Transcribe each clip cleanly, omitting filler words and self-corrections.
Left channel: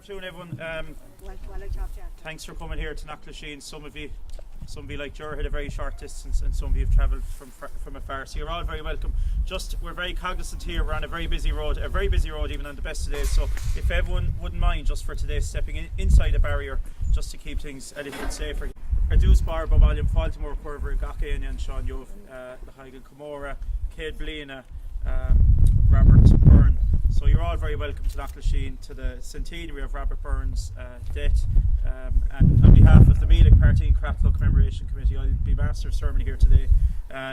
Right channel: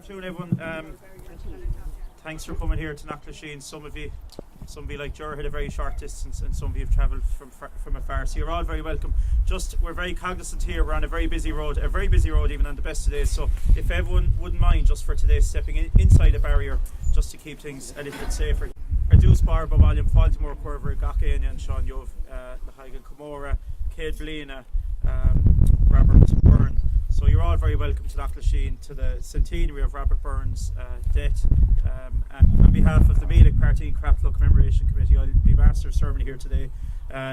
afternoon, everyone. Thanks for coming here to Knockalisheen. Some of you like Ger had a very short distance, and some of you have travelled from afar. So you're all very welcome. We're very cognizant here. We're on a very busy road even on the best of days. So if everyone wouldn't mind, just for today, stepping inside a barrier, just to keep things a little bit safer. Reduce bar Boballium, Faltimore, Corver, Gachaian, and Sean Yov, Lahaigan, Comora, Cade Blina, Robert Byrne. So you're all very welcome to Knockalisheen, to the centenary of Robert Byrne's death. And on behalf of the Meelick Party and Craftlow Commemoration Committee, I'll be master of ceremony here today,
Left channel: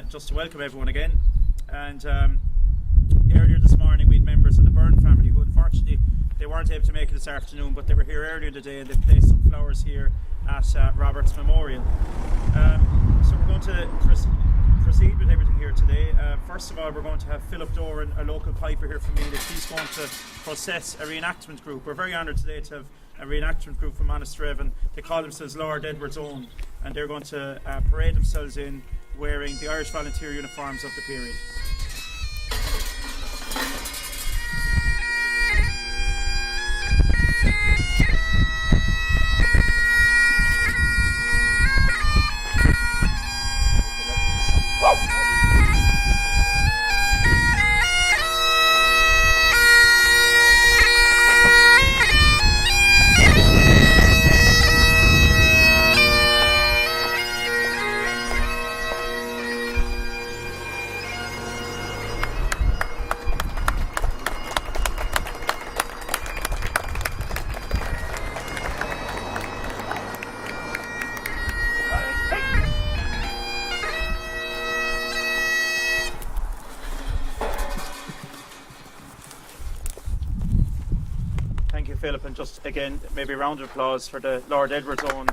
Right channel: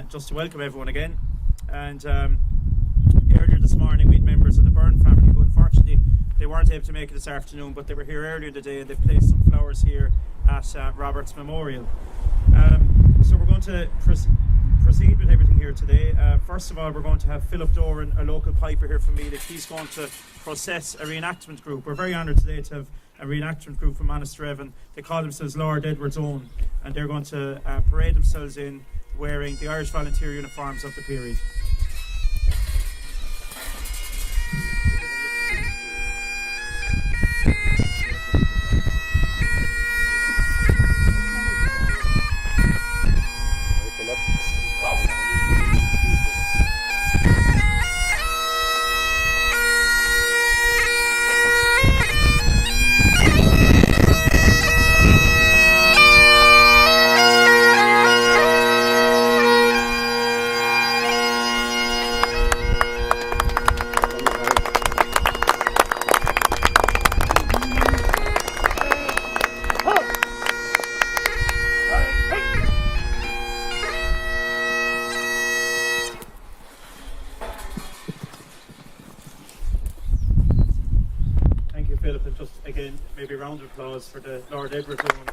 just to welcome everyone again. And earlier this morning we had members of the Byrne family who unfortunately they weren't able to make it this afternoon, but they were here earlier in the day and they placed some flowers here at Robert's memorial. So we're going to proceed with everything here today. First of all, we're going to have Philip Doran, a local piper here from Meelick. He's going to process a reenactment group. We're very honoured today to have a reenactment group from Monasterevin. They call themselves Lord Edward's Own, and they're going to parade themselves in wearing the Irish volunteer uniforms of the period. Philip, and just again maybe a round of applause for the Lord Edward's Own.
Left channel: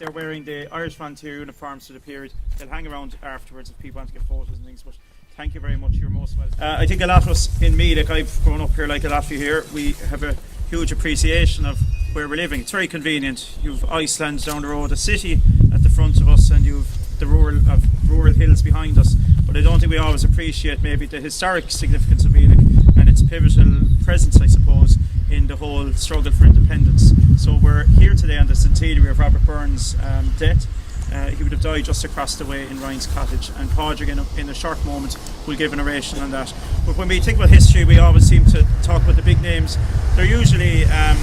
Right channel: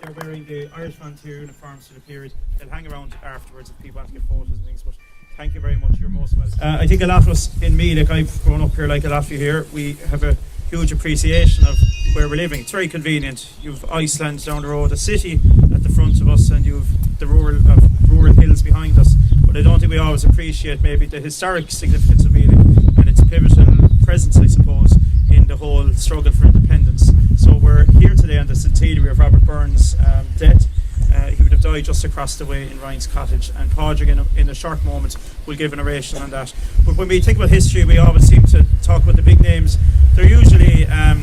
They're wearing the Irish volunteer uniforms for the period. They'll hang around afterwards if people want to get photos and things, but thank you very much, you're most welcome. I think a lot of us in Meelick, I've grown up here like a lot of you here, we have a huge appreciation of where we're living. It's very convenient. You've Iceland down the road, a city at the front of us, and you've the rural hills behind us. But I don't think we always appreciate maybe the historic significance of Meelick and its pivotal presence, I suppose, in the whole struggle for independence. So we're here today on the centenary of Robert Byrne's death. He would have died just across the way in Ryan's Cottage, and Padraig in a short moment will give an oration on that. But when we think about history, we always seem to talk about the big names. They're usually, I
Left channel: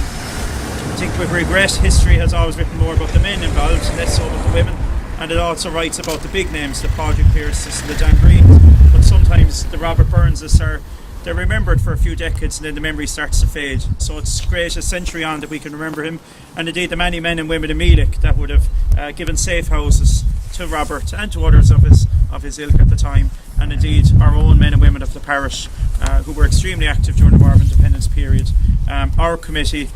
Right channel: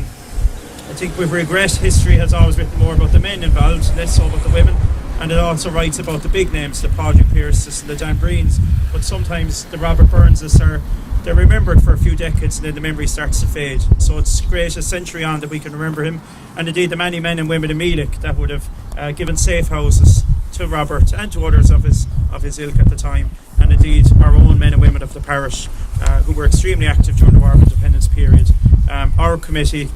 think with regret, history has always written more about the men involved, less so about the women. And it also writes about the big names, the Padraig Pearses and the Dan Greens. But sometimes the Robert Byrneses they're remembered for a few decades and then the memory starts to fade. So it's great a century on that we can remember him, and indeed the many men and women in Meelick that would have given safe houses to Robert and to others of his ilk at the time, and indeed our own men and women of the parish who were extremely active during the War of Independence period. Our committee,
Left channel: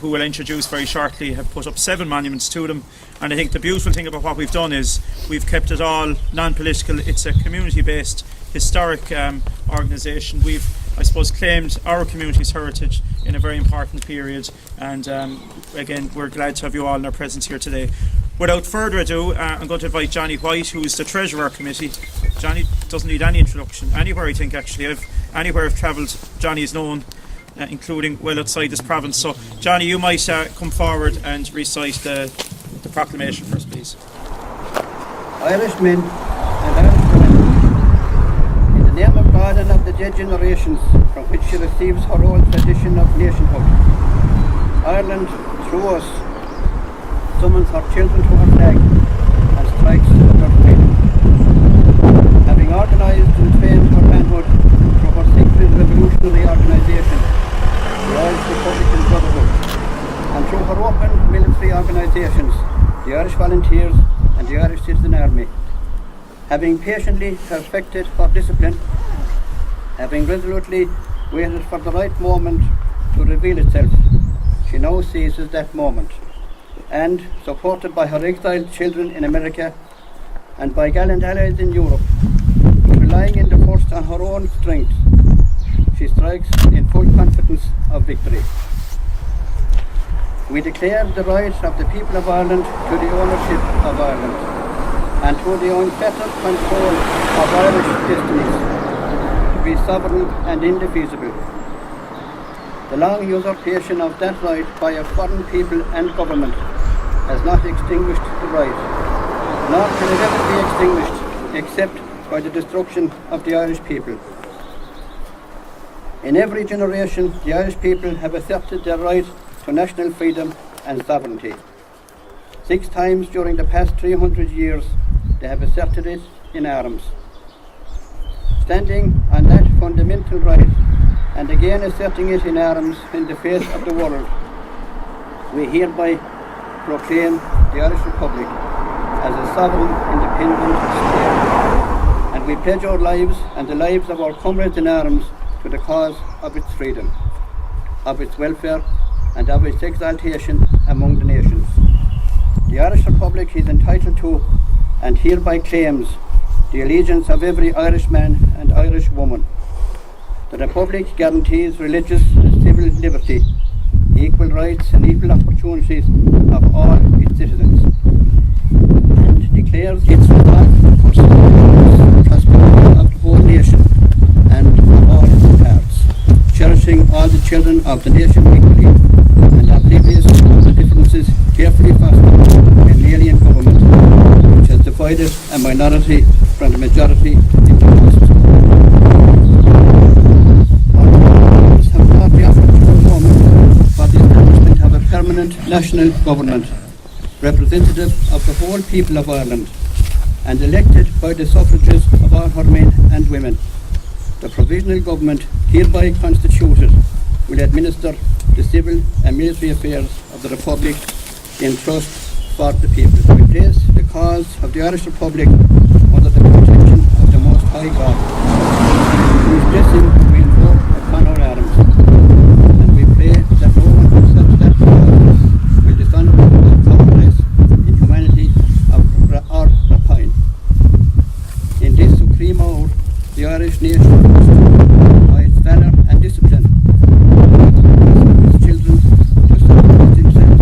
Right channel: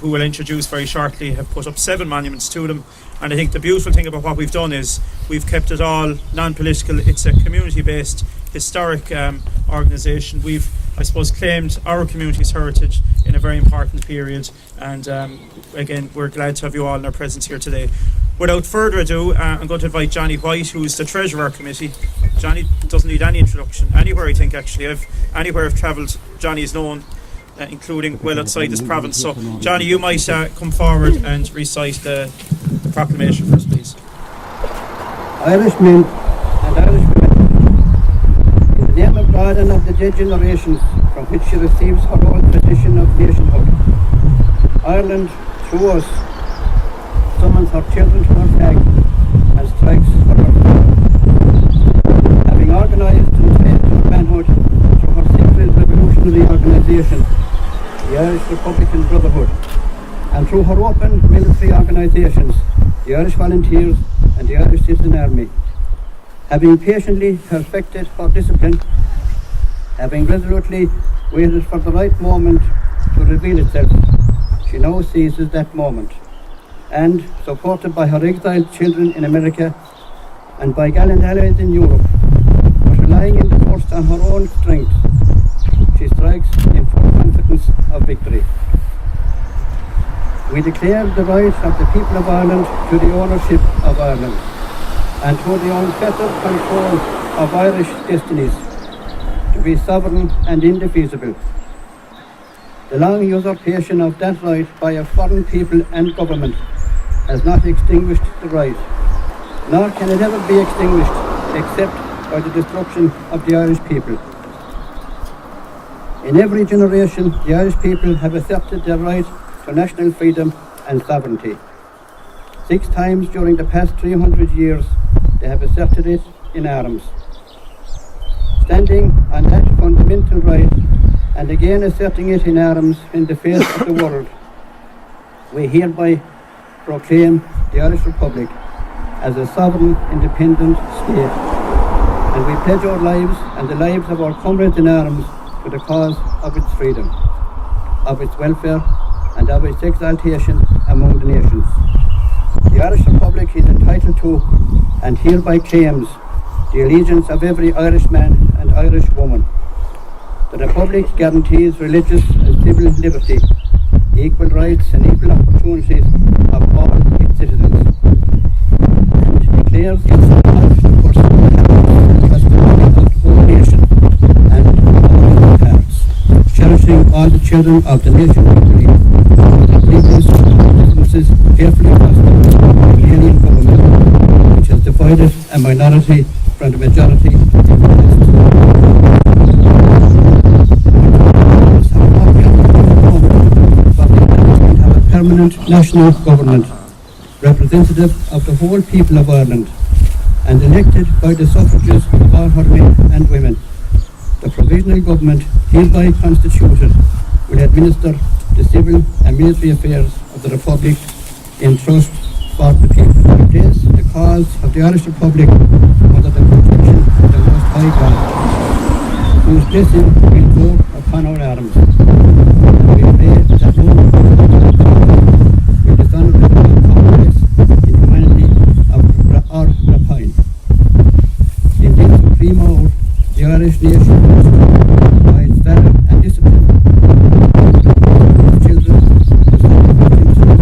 who we'll introduce very shortly, have put up 7 monuments to them, and I think the beautiful thing about what we've done is we've kept it all non-political. It's a community-based historic organisation. We've, I suppose, claimed our community's heritage in a very important period, and again we're glad to have you all in our presence here today. Without further ado, I'm going to invite Johnny White, who's the treasurer of our committee. Johnny doesn't need any introduction anywhere, I think, actually. Anywhere I've travelled, Johnny is known, including well outside this province. So Johnny, you might come forward and recite the proclamation for us, please. Irishmen and Irish women, in the name of God and of the dead generations from which she receives her old tradition of nationhood, Ireland, through us, summons her children to her flag and strikes for her freedom. Having organised and trained her manhood through her secret revolutionary organisation, the Irish Republican Brotherhood, and through her open military organisations, the Irish Volunteers and the Irish Citizen Army. Having patiently perfected her discipline, having resolutely waited for the right moment to reveal itself, she now seizes that moment, and, supported by her exiled children in America and by gallant allies in Europe, but relying in the first on her own strength, she strikes in full confidence of victory. We declare the right of the people of Ireland to the ownership of Ireland and to the unfettered control of Irish destinies, to be sovereign and indefeasible. The long usurpation of that right by a foreign people and government has not extinguished the right, nor can it ever be extinguished except by the destruction of the Irish people. In every generation, the Irish people have asserted their right to national freedom and sovereignty. 6 times during the past 300 years, they have asserted it in arms. Standing on that fundamental right, and again asserting it in arms in the face of the world, we hereby proclaim the Irish Republic as a sovereign, independent state, and we pledge our lives and the lives of our comrades in arms to the cause of its freedom, of its welfare, and of its exaltation among the nations. The Irish Republic is entitled to, and hereby claims, the allegiance of every Irishman and Irish woman. The Republic guarantees religious and civil liberty, equal rights and equal opportunities of all its citizens, and declares its prosperity of the whole nation and of all parts, cherishing all the children of the nation equally, and oblivious of the differences carefully fostered by the alien government, which has divided a minority from the majority in the past. For the establishment of a permanent national government, representative of the whole people of Ireland, and elected by the suffrages of all her men and women. The provisional government hereby constituted will administer the civil and military affairs of the Republic in trust for the people. We place the cause of the Irish Republic under the protection of the Most High God, whose blessing will flow upon our arms, and we pray that no such will dishonour or compromise in humanity or rapine. In this supreme hour, the Irish nation must, by its valour and discipline, its children must support themselves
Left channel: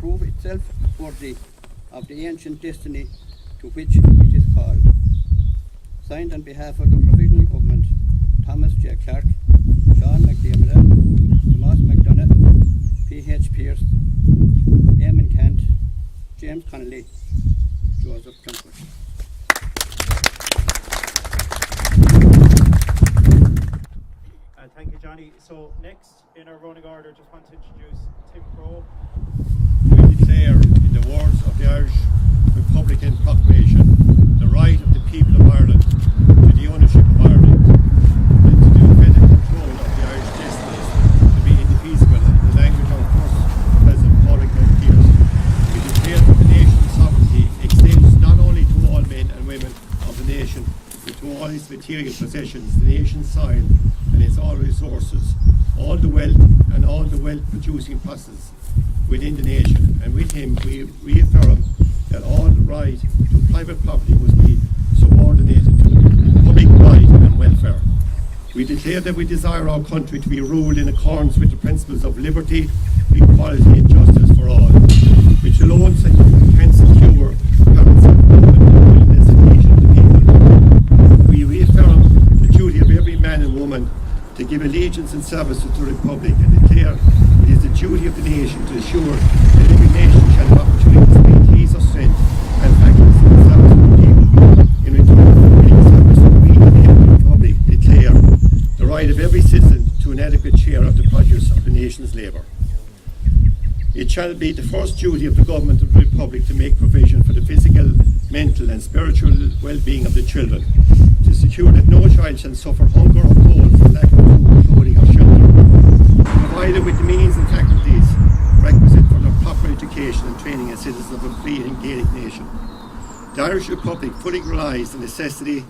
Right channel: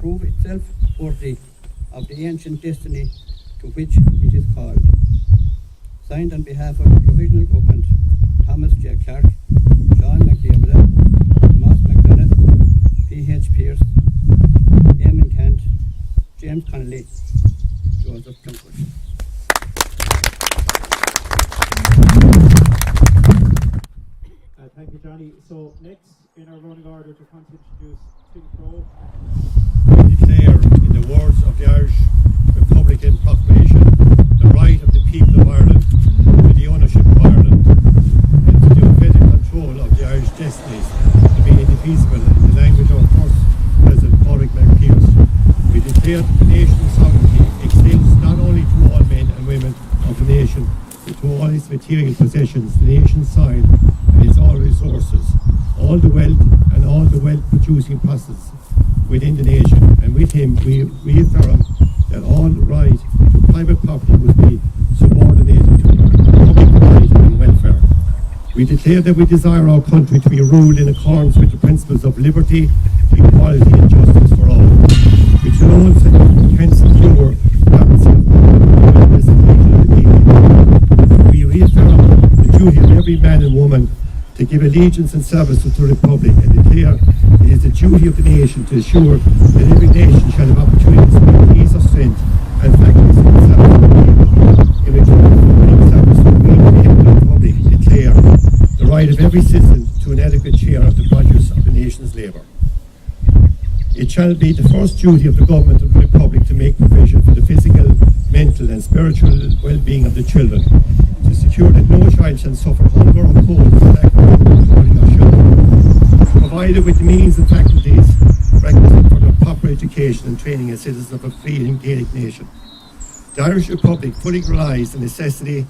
prove itself worthy of the ancient destiny to which it is called. Signed on behalf of the Provisional Government, Thomas J. Clark, Sean McDiarmid, Tomas McDonough, P.H. Pearce, Eamon Kent, James Connolly, Joseph Plumford. Thank you, Johnny. So next in our running order, just want to introduce Tim Crowe. We declare, in the words of the Irish Republican Proclamation, the right of the people of Ireland to the ownership of Ireland and to the unfettered control of the Irish destinies to be indefeasible in the language of our first President Padraig McPearse. We declare that the nation's sovereignty extends not only to all men and women of the nation, but to all its material possessions, the nation's soil and its all resources, all the wealth and all the wealth-producing processes within the nation. And with him, we reaffirm that all right to private property must be subordinated to public right and welfare. We declare that we desire our country to be ruled in accordance with the principles of liberty, equality and justice for all, which alone can secure balance of the people. We reaffirm the duty of every man and woman to give allegiance and service to the Republic, and declare it is the duty of the nation to ensure that every nation shall have opportunities to meet peace of strength and faculties in service to the people. In return for winning service, we in the Republic declare the right of every citizen to an adequate share of the produce of the nation's labour. It shall be the first duty of the Government of the Republic to make provision for the physical, mental and spiritual well-being of the children, to secure that no child shall suffer hunger or cold for lack of food, clothing or shelter, provided with the means and faculties requisite for their proper education and training as citizens of a free and Gaelic nation. The Irish Republic fully realised the necessity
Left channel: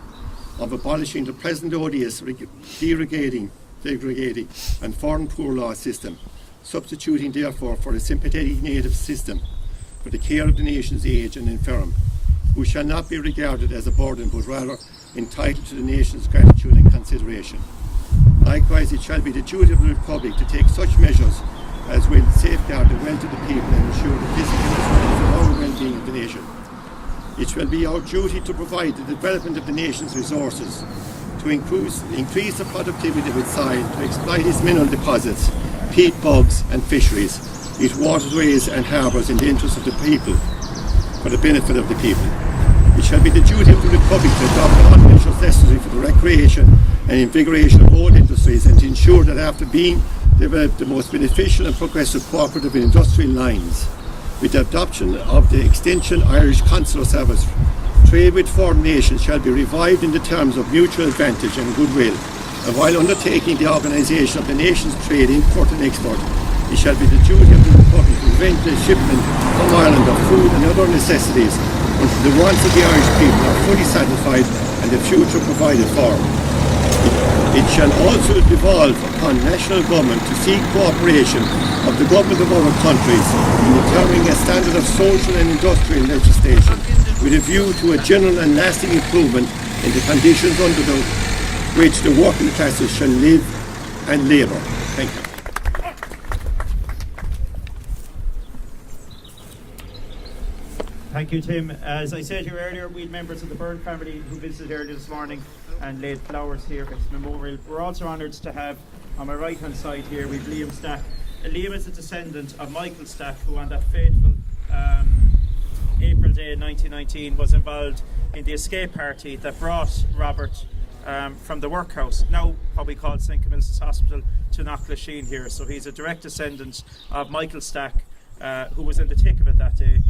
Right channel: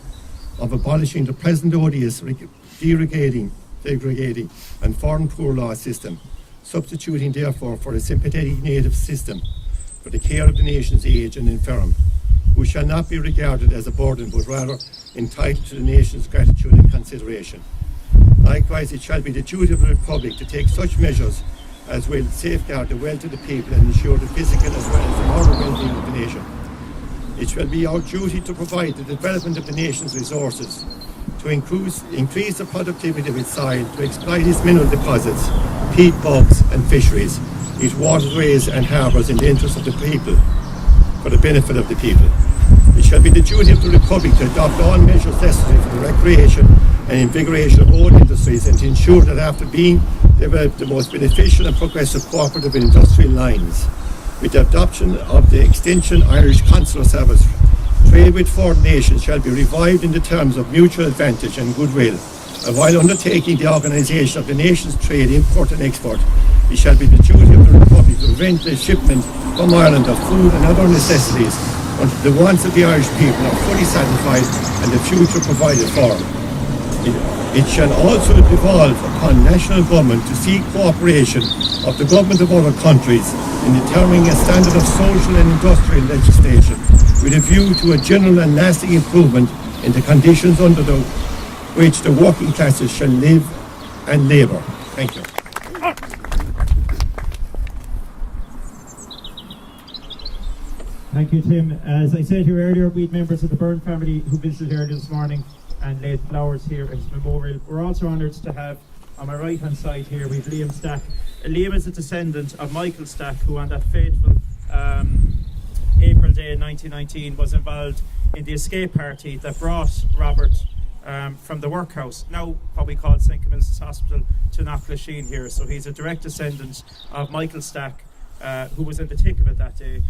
of abolishing the present odious, degrading and foreign poor law system, substituting therefore for a sympathetic native system for the care of the nation's aged and infirm, who shall not be regarded as a burden but rather entitled to the nation's gratitude and consideration. Likewise, it shall be the duty of the Republic to take such measures as will safeguard the wealth of the people and ensure the physical as well as the moral well-being of the nation. It shall be our duty to provide the development of the nation's resources, to increase the productivity of its soil, to exploit its mineral deposits, peat bogs and fisheries, its waterways and harbours in the interest of the people, for the benefit of the people. It shall be the duty of the Republic to adopt all measures necessary for the recreation and invigoration of all industries, and to ensure that after being developed the most beneficial and progressive cooperative and industrial lines, with the adoption of the Extension Irish Consular Service, trade with foreign nations shall be revived in the terms of mutual advantage and goodwill, and while undertaking the organisation of the nation's trade, import and export, it shall be the duty of the Republic to prevent the shipment from Ireland of food and other necessities until the wants of the Irish people are fully satisfied and the future provided for. It shall also devolve upon national government to seek cooperation of the government of other countries in determining a standard of social and industrial legislation with a view to a general and lasting improvement in the conditions under which the working classes shall live and labour. Thank you. Thank you, Tim. As I said here earlier, we had members of the Byrne family who visited earlier this morning and laid flowers here at his memorial. We're also honoured to have, on my right hand side here, we've Liam Stack. Liam is a descendant of Michael Stack, who on that fateful April day 1919 was involved in the escape party that brought Robert from the workhouse, now probably called St. Camillus Hospital, to Knockalisheen here. So he's a direct descendant of Michael Stack, who was in the thick of it that day.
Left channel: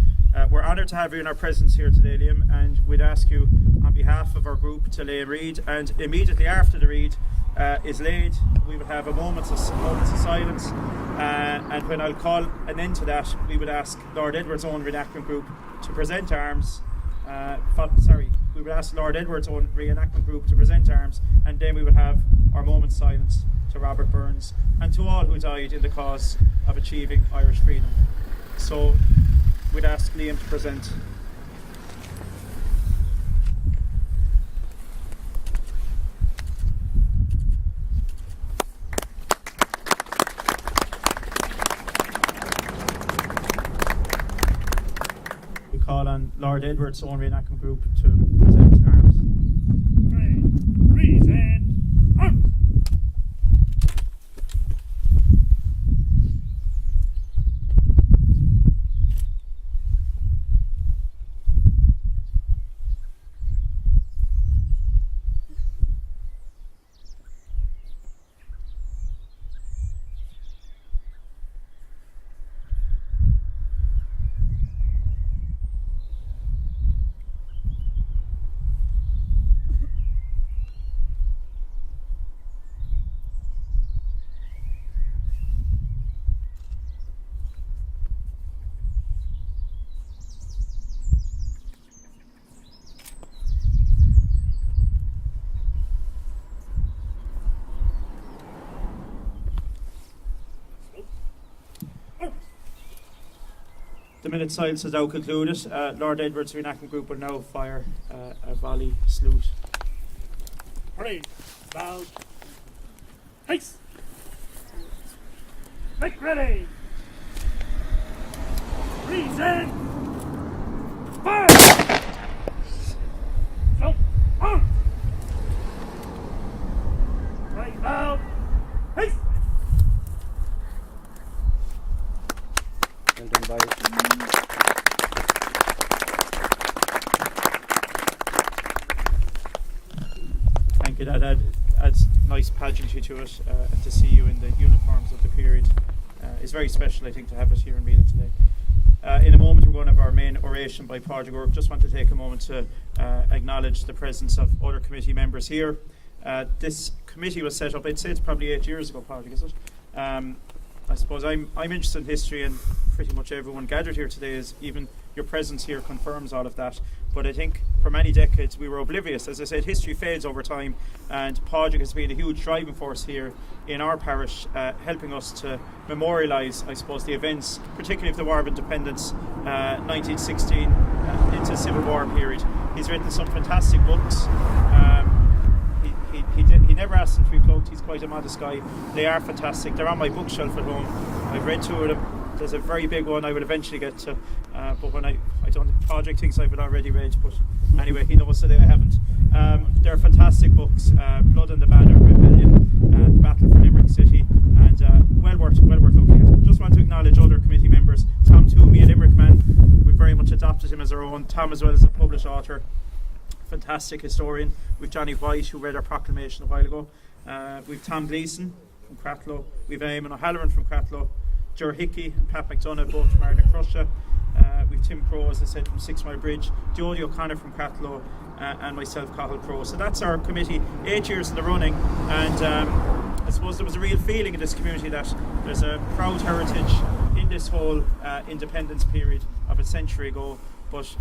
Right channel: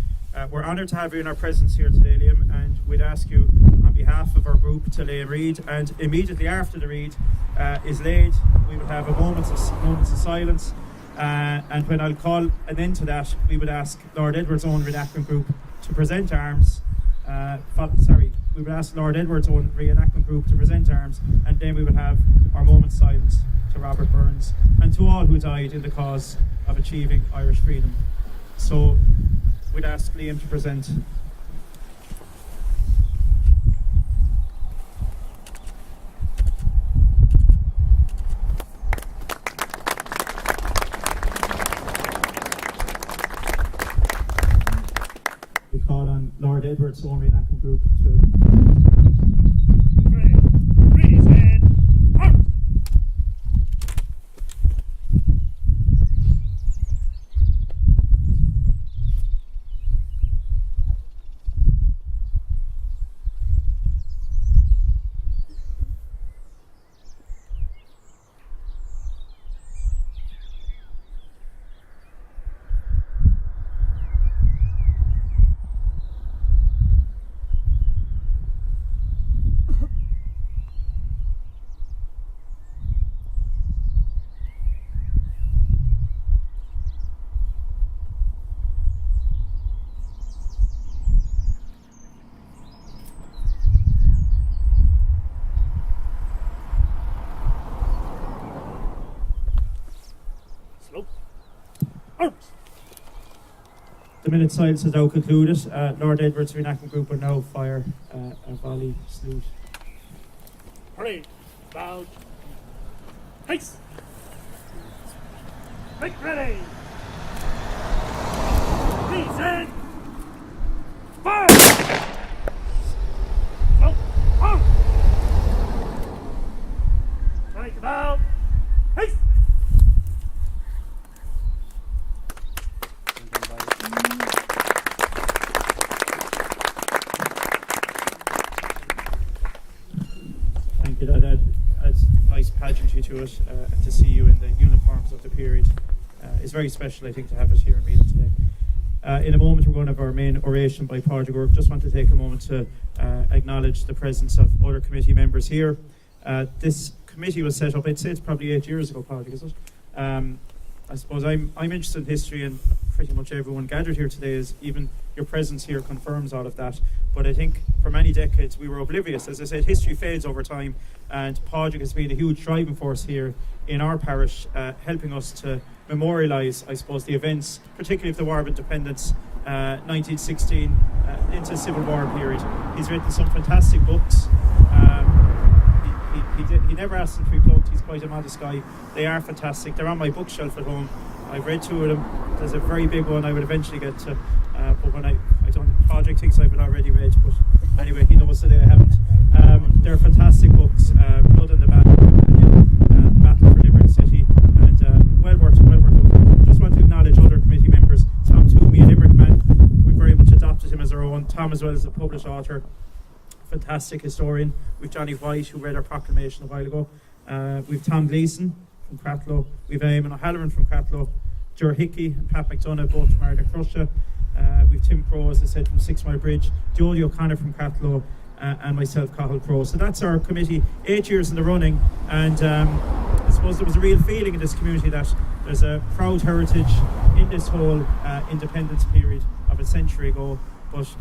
We're honoured to have you in our presence here today, Liam, and we'd ask you on behalf of our group to lay a read, and immediately after the read is laid, we would have a moments of silence, and when I'll call an end to that, we would ask Lord Edward's own reenactment group to present arms. We would ask Lord Edward's own reenactment group to present arms, and then we would have our moment's silence to Robert Byrne and to all who died in the cause of achieving Irish freedom. So we'd ask Liam to present. We call on Lord Edward's own reenactment group to present arms. Present arms! The minute silence is now concluded. Lord Edward's reenactment group will now fire a volley salute. Parade, loud, haste, make ready, present, fire, slope, on, right, loud, haste. Thank you. That adds nice pageantry to it, and to see you in the uniforms of the period is very special, I think, to have it here in Meelick today. In a moment, we're going to have our main oration by Pádraig O'Rourke. Just want to take a moment to acknowledge the presence of other committee members here. This committee was set up, I'd say it's probably 8 years ago, Pádraig, is it? I suppose I'm interested in history, and pretty much everyone gathered here today is even your presence here confirms all of that. But I think for many decades we were oblivious. As I said, history fades over time, and Pádraig has been a huge driving force here in our parish, helping us to memorialise, I suppose, the events, particularly of the War of Independence, 1916 into the Civil War period. He's written some fantastic books. He never asked them to be plugged. He's quite a modest guy. They are fantastic. They're on my bookshelf at home. I've read two of them. there's a very big one I will eventually get to, but when I don't, Project thinks I've already read, but anyway, he knows today I haven't. They're fantastic books, Blood and the Banner of Rebellion, The Battle for Limerick City, and well worth looking at. Just want to acknowledge other committee members, Tom Toomey, a Limerick man. We've very much adopted him as our own. Tom as well as a published author, fantastic historian. We've Johnny White, who read our proclamation a while ago. We've Tom Gleeson from Cratloe. We've Eamon O'Halloran from Cratloe. Ger Hickey and Pat McDonough, both from Arda Crusha. We've Tim Crowe, as I said, from 6 Mile Bridge. Jodie O'Connor from Cratloe. And myself, Cathal Crowe. So that's our committee, 8 years in the running. And I suppose there was a real feeling in this community that there's a proud heritage in this whole independence period of a century ago. But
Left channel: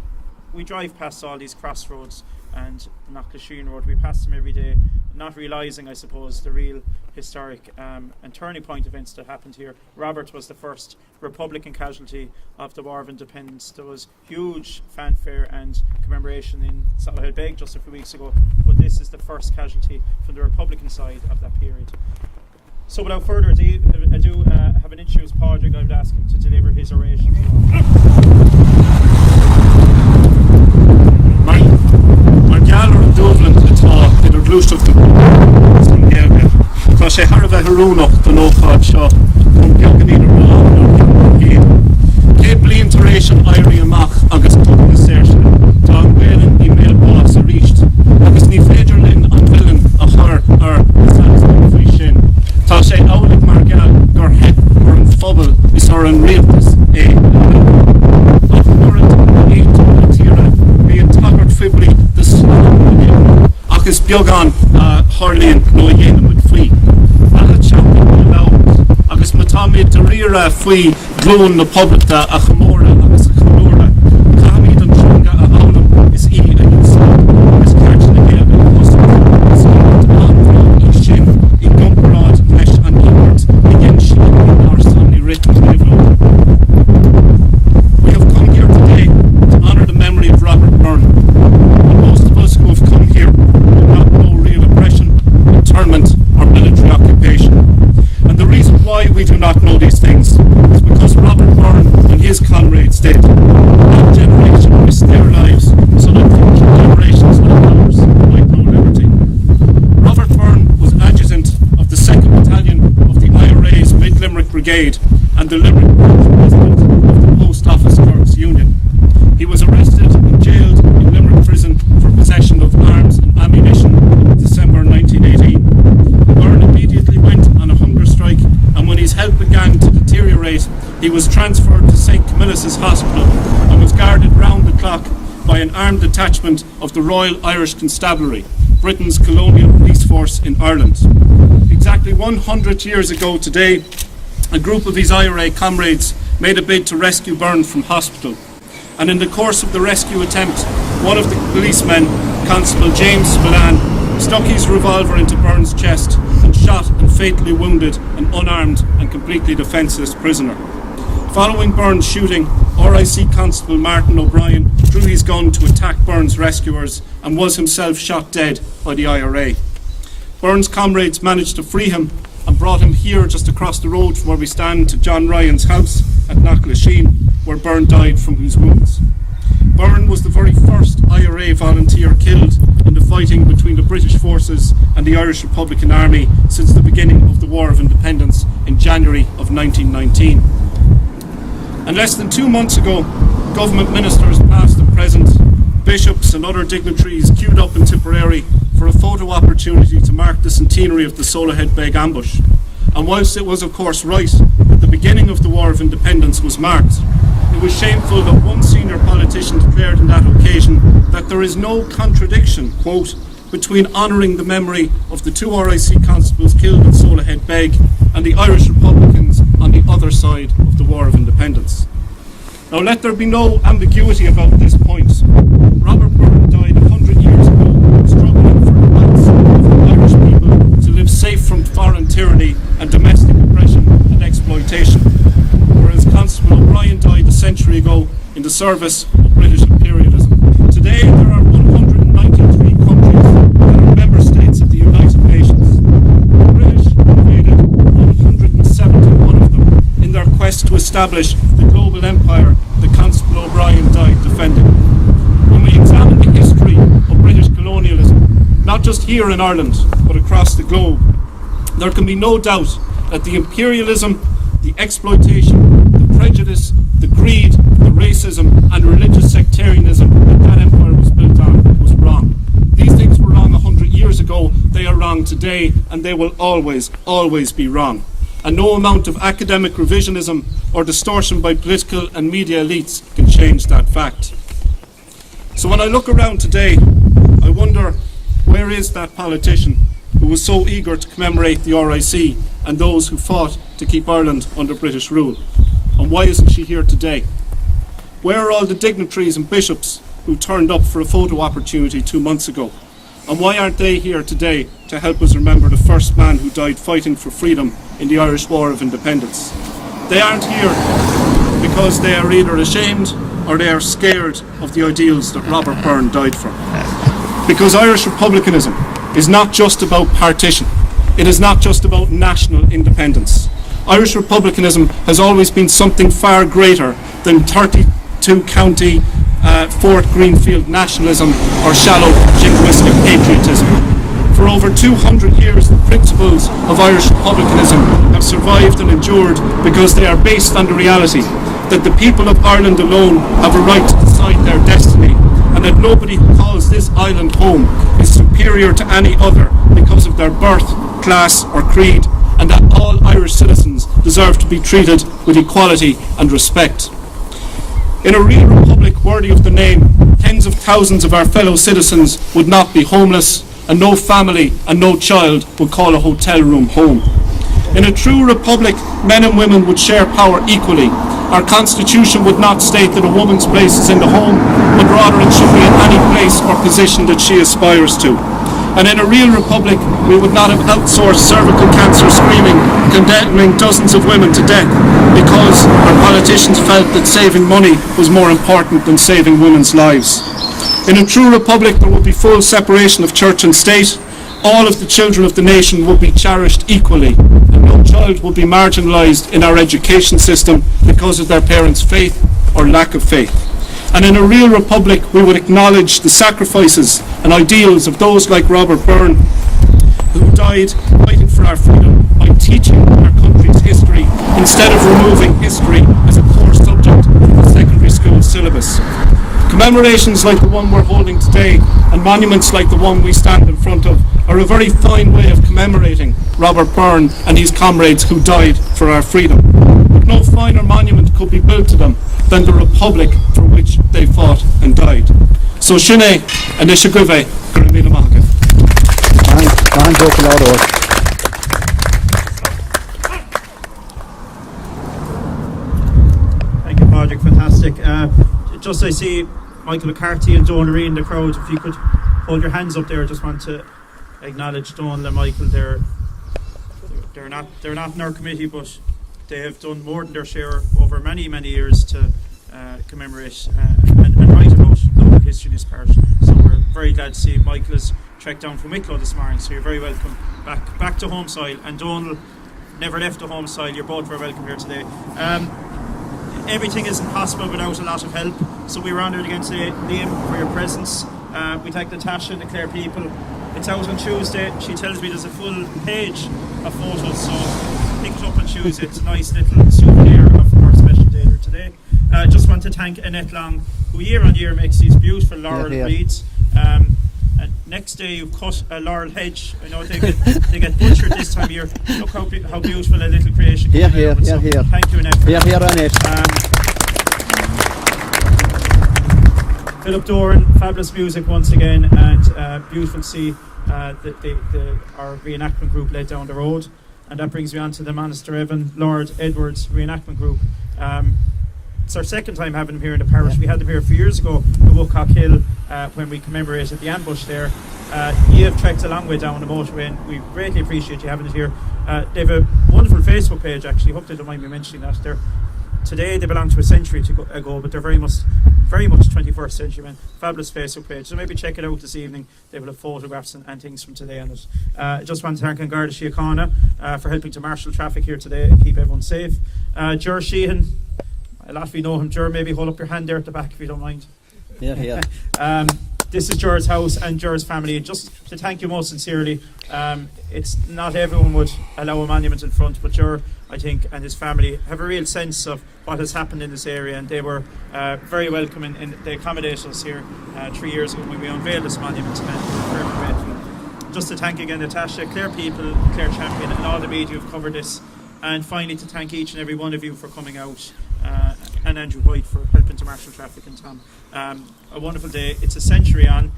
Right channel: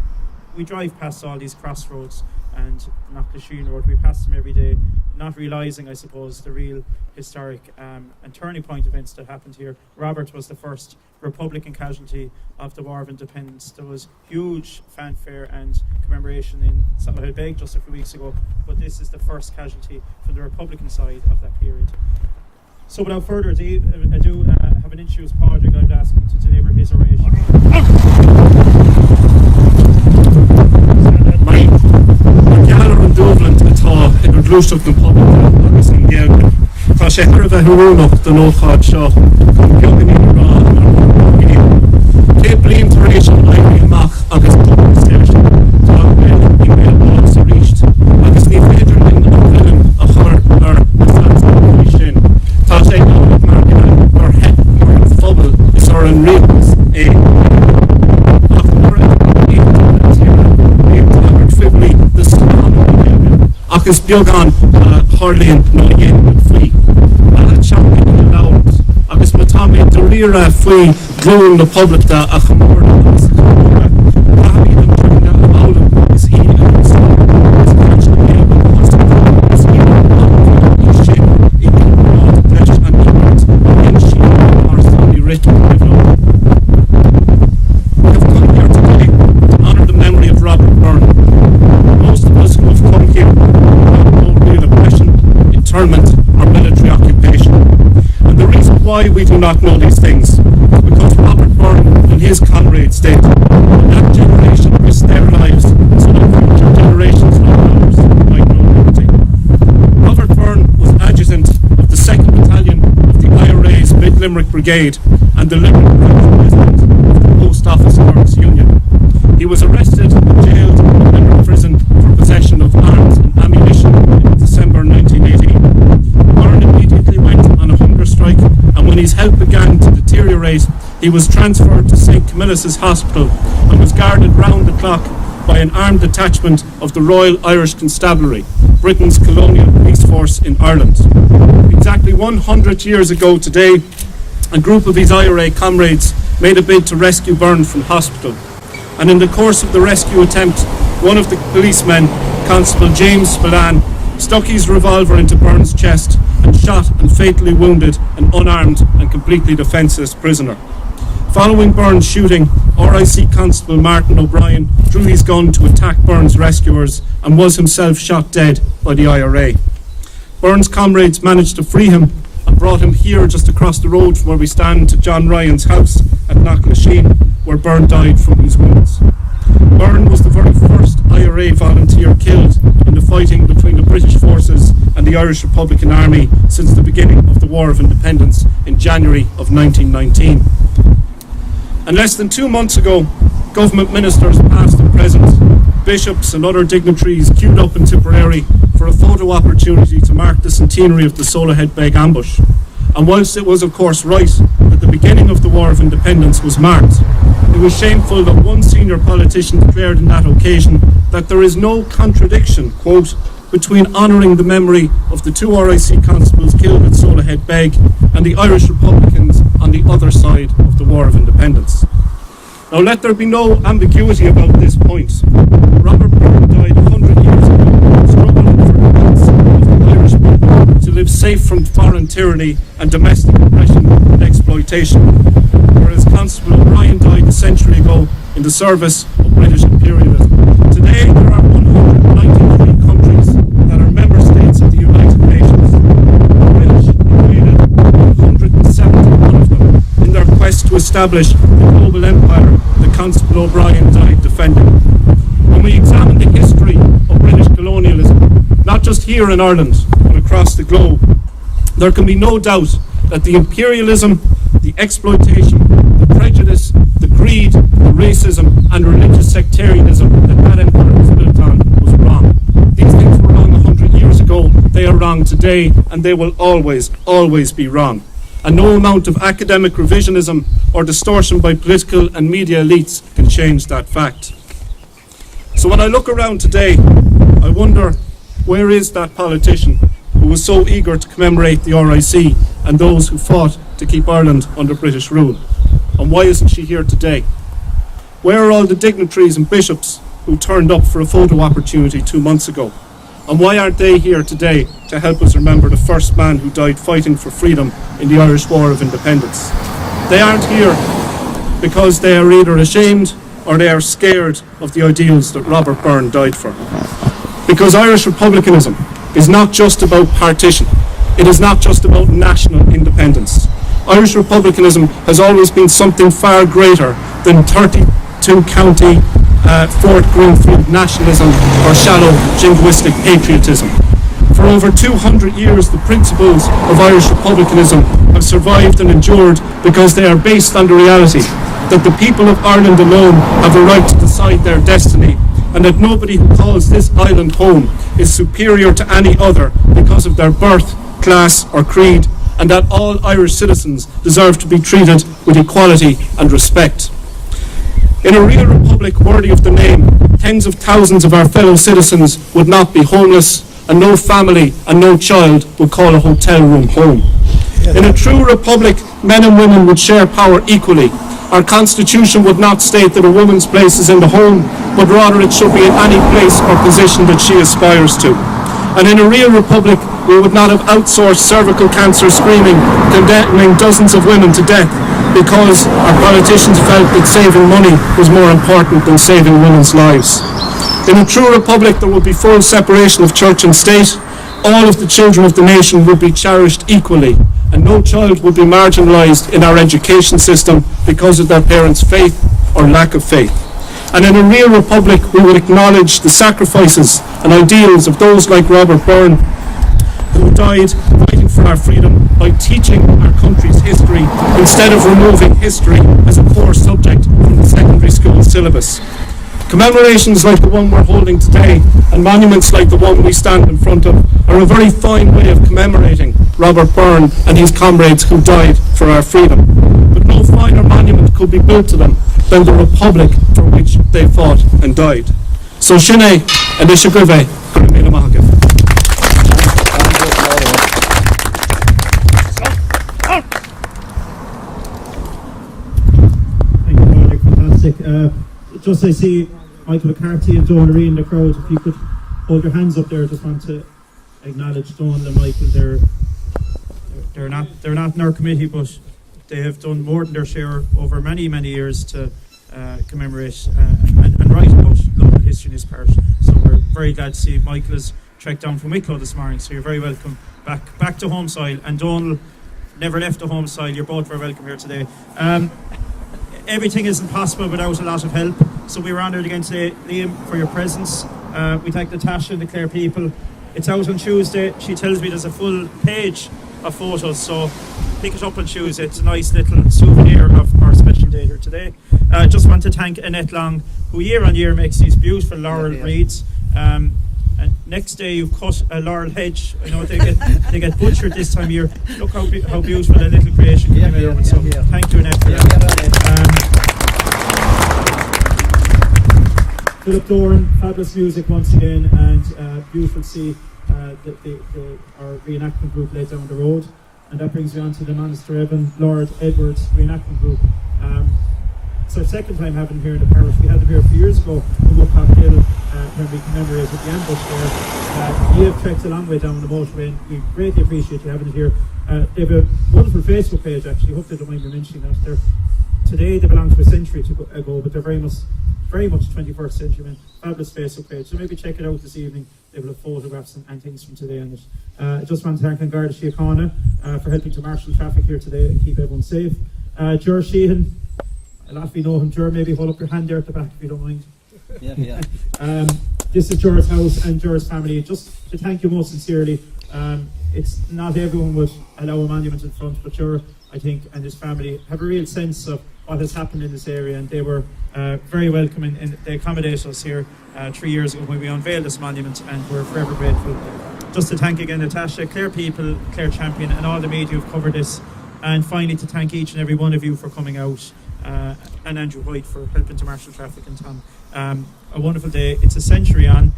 we drive past all these crossroads and the Knockalisheen Road. We pass them every day, not realising, I suppose, the real historic and turning point events that happened here. Robert was the first Republican casualty of the War of Independence. There was huge fanfare and commemoration in Solihull Beg just a few weeks ago, but this is the first casualty from the Republican side of that period. So without further ado, have an introduced Padraig. I would ask him to deliver his oration. Mar gealar an Dublin atá idir glúisteach na pobl agus an Gaeilge. Tá sé thar bheith harúnach den ócáid seo chun beagán iad rá ar chéad. Cé bliain tar éis an éirí amach agus cúpla saoirse. Tá bhéilean í méal bás a ríist agus ní féidir linn an bheilean a chur ar na sanscoil sin. Tá sé álaigh mar geall gur heith mar an phobal is ar an rialtas é. Ach mar tíre bhí an tagart fibli de slán agus beagán Harlíonn nó a dhéanam an faoi. Bhealach teanga í labhart agus má tá méid de riara faoi glúin na poblachta a chamóra agus a chamóra. Caithfidh an teanga a bhabhlam is í agus is ceart na Gaeilge cosach is í an bhain í sin i gcomrád leis an íbert i dhéan sin ars an í rit Cleveland. We have come here today to honour the memory of Robert Byrne. Most of us who have come here have no real oppression, internment or military occupation. And the reason why we do not know these things is because Robert Byrne and his comrades did. That generation risked their lives so that future generations like ours might know liberty. Robert Byrne was adjutant of the 2nd Battalion of the IRA's Mid-Limerick Brigade and the Limerick Group President of the Post Office Workers Union. He was arrested and jailed in Limerick Prison for possession of arms and ammunition in December 1918. Byrne immediately went on a hunger strike, and when his health began to deteriorate, he was transferred to St. Camillus' Hospital and was guarded round the clock by an armed detachment of the Royal Irish Constabulary, Britain's colonial police force in Ireland. Exactly 100 years ago today, a group of his IRA comrades made a bid to rescue Byrne from hospital. And in the course of the rescue attempt, one of the policemen, Constable James Spillane, stuck his revolver into Byrne's chest and shot and fatally wounded an unarmed and completely defenceless prisoner. Following Byrne's shooting, RIC Constable Martin O'Brien drew his gun to attack Byrne's rescuers and was himself shot dead by the IRA. Byrne's comrades managed to free him and brought him here just across the road from where we stand to John Ryan's house at Knockalisheen, where Byrne died from his wounds. Byrne was the very first IRA volunteer killed in the fighting between the British forces and the Irish Republican Army since the beginning of the War of Independence in January of 1919. And less than 2 months ago, government ministers, past and present, bishops and other dignitaries queued up in Tipperary for a photo opportunity to mark the centenary of the Solihull Beg ambush. And whilst it was of course right that the beginning of the War of Independence was marked, it was shameful that one senior politician declared on that occasion that there is no contradiction, quote, between honouring the memory of the 2 RIC constables killed at Solihull Beg and the Irish Republicans on the other side of the War of Independence. Now let there be no ambiguity about this point. Robert Byrne died 100 years ago, struggling for the rights of the Irish people to live safe from foreign tyranny and domestic oppression and exploitation, whereas Constable O'Brien died a century ago in the service of British imperialism. Today there are 193 countries that are member states of the United Nations. The British invaded 171 of them in their quest to establish the global empire that Constable O'Brien died defending. When we examine the history of British colonialism, not just here in Ireland, but across the globe, there can be no doubt that the imperialism, the exploitation, the prejudice, the greed, the racism and religious sectarianism that empire was built on was wrong. These things were wrong 100 years ago, they are wrong today, and they will always, always be wrong. And no amount of academic revisionism or distortion by political and media elites can change that fact. So when I look around today, I wonder, where is that politician who was so eager to commemorate the RIC and those who fought to keep Ireland under British rule? And why isn't she here today? Where are all the dignitaries and bishops who turned up for a photo opportunity 2 months ago? And why aren't they here today to help us remember the first man who died fighting for freedom in the Irish War of Independence? They aren't here because they are either ashamed or they are scared of the ideals that Robert Byrne died for. Because Irish republicanism is not just about partition. It is not just about national independence. Irish republicanism has always been something far greater than 32 county Fort Greenfield nationalism or shallow jingoistic patriotism. For over 200 years, the principles of Irish republicanism have survived and endured because they are based on the reality that the people of Ireland alone have a right to decide their destiny, and that nobody who calls this island home is superior to any other because of their birth, class or creed, and that all Irish citizens deserve to be treated with equality and respect. In a real republic worthy of the name, tens of thousands of our fellow citizens would not be homeless, and no family and no child would call a hotel room home. In a true republic, men and women would share power equally. Our constitution would not state that a woman's place is in the home, but rather it should be in any place or position that she aspires to. And in a real republic, we would not have outsourced cervical cancer screening, condemning dozens of women to death because our politicians felt that saving money was more important than saving women's lives. In a true republic, there would be full separation of church and state. All of the children of the nation would be cherished equally, and no child would be marginalised in our education system because of their parents' faith or lack of faith. And in a real republic, we would acknowledge the sacrifices and ideals of those like Robert Byrne, who died fighting for our freedom by teaching our country's history instead of removing history as a core subject from the secondary school syllabus. Commemorations like the one we're holding today and monuments like the one we stand in front of are a very fine way of commemorating Robert Byrne and his comrades who died for our freedom. But no finer monument could be built to them than the republic for which they fought and died. So Shine and Ishiguve Gurumila Mahaka. Thank you, Patrick. Fantastic. Just I see Michael McCarthy and Donal Reen in the crowd. If you could hold your hands up there, I just want to acknowledge Donal and Michael. They're not in our committee, but they have done more than their share over many years to commemorate and write about local history in this parish. So we're very glad to see Michael has trekked down from Wicklow this morning. So you're very welcome back to home soil. And Donal never left the home soil. You're both very welcome here today. Everything isn't possible without a lot of help, so we were honoured again today, Liam, for your presence. We thank Natasha and the Clare people. It's out on Tuesday. She tells me there's a full page of photos, so pick it up on Tuesday. It's a nice little souvenir of our special day here today. Just want to thank Annette Long, who year on year makes these beautiful laurel wreaths. And next day you've cut a laurel hedge. I know they get butchered this time of year. Look how beautiful a little creation came out of it. So thank you, Annette. Philip Doran, fabulous music once again, and beautiful to see our reenactment group led down the road. And that brings me on to the Monaster Evan Lord Edwards reenactment group. It's our second time having them here in the parish. We had them here a few years ago at Woodcock Hill when we commemorated the ambush there. You have trekked a long way down the motorway, and we greatly appreciate you having it here. They have a wonderful Facebook page, actually. Hope they don't mind me mentioning that. They're today they belong to a century ago, but they're very much 21st century men. Fabulous Facebook page. So maybe check it out this evening. They will have photographs and things from today on it. I just want to thank Garda Síochána for helping to marshal traffic here today and keep everyone safe. Ger Sheehan, a lot of you know him. Ger, maybe hold up your hand there at the back if you don't mind. Yeah. This is Ger's house and Ger's family. Just to thank you most sincerely. It's not everyone would allow a monument in front, but Ger, I think, and his family have a real sense of what has happened in this area, and they were very welcoming, and they accommodated us here 3 years ago when we unveiled this monument, and we're forever grateful. Just to thank again Natasha, Clare People, Clare Champion, and all the media who've covered this, and finally to thank each and every one of you for coming out, and Andrew White for helping to marshal traffic, and Tom. A wonderful day. It's a century on.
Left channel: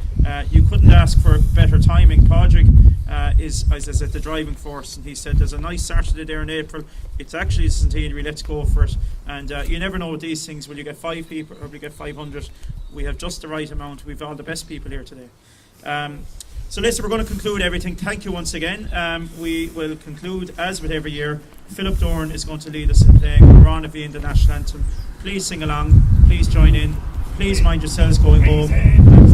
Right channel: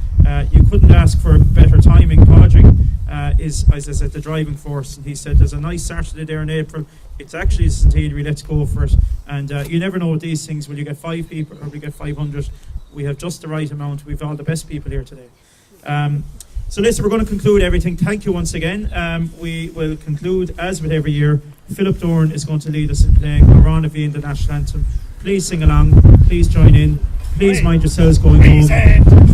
You couldn't ask for better timing. Padraig is, as I said, the driving force, and he said there's a nice Saturday there in April. It's actually a centenary. Let's go for it. And you never know with these things. Will you get 5 people or will you get 500? We have just the right amount. We've all the best people here today. So listen, we're going to conclude everything. Thank you once again. We will conclude, as with every year, Philip Dorn is going to lead us in playing Marana V in the national anthem. Please sing along. Please join in. Please mind yourselves going home.